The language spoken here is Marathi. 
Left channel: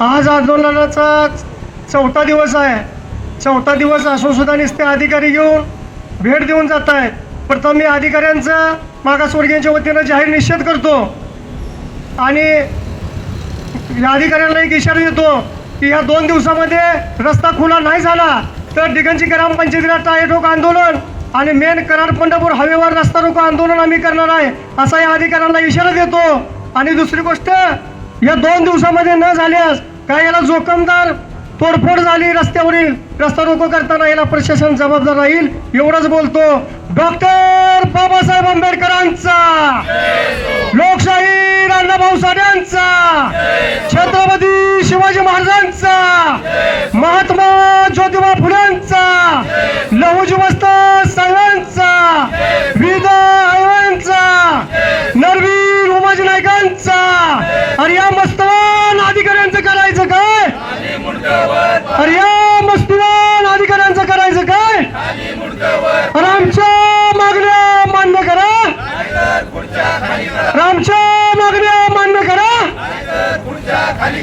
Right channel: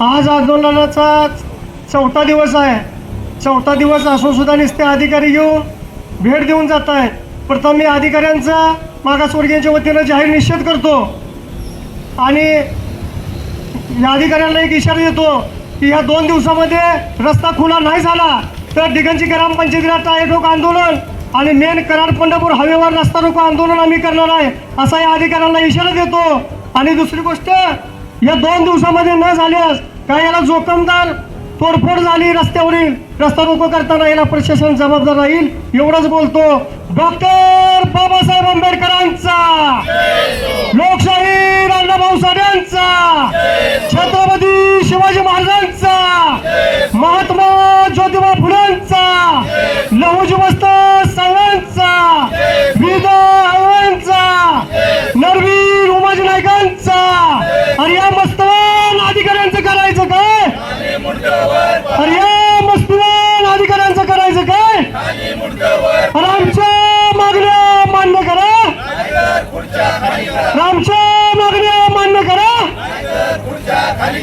आज आंदोलनाचा चौथा दिवस आहे. चौथा दिवस असून सुद्धा नुसते अधिकारी येऊन भेट देऊन जात आहेत. प्रथम मी अधिकाऱ्यांचा मागासवर्गीयांच्या वतीनं जाहीर निषेध करतो आणि अधिकाऱ्यांना एक इशारा देतो की या 2 दिवसामध्ये रस्ता खुला नाही झाला तर दिगंजी ग्रामपंचायतीला टायर ठोक आंदोलन आणि मेन कराड पंढरपूर हवेवर रस्ता रोको आंदोलन आम्ही करणार आहे असा या अधिकाऱ्यांना इशारा देतो. आणि दुसरी गोष्ट, या 2 दिवसामध्ये न झाल्यास काय याला जोखमदार तोडफोड झाली रस्त्यावरील रस्ता रोको करताना याला प्रशासन जबाबदार राहील एवढंच बोलतो. डॉक्टर बाबासाहेब आंबेडकरांचा, लोकशाही अण्णाभाऊ साठेंचा, छत्रपती शिवाजी महाराजांचा, महात्मा ज्योतिबा फुलेंचा, लहुजी वस्ताद साहेबांचा, विदा आयवांचा, नरवीर उमाजी नायकांचा. आणि या मस्तवान अधिकाऱ्यांचं करायचं काय? अरे या मस्तवान अधिकाऱ्यांचं करायचं काय? अरे आमच्या मागण्या मान्य करा, आमच्या मागण्या मान्य करा. अरे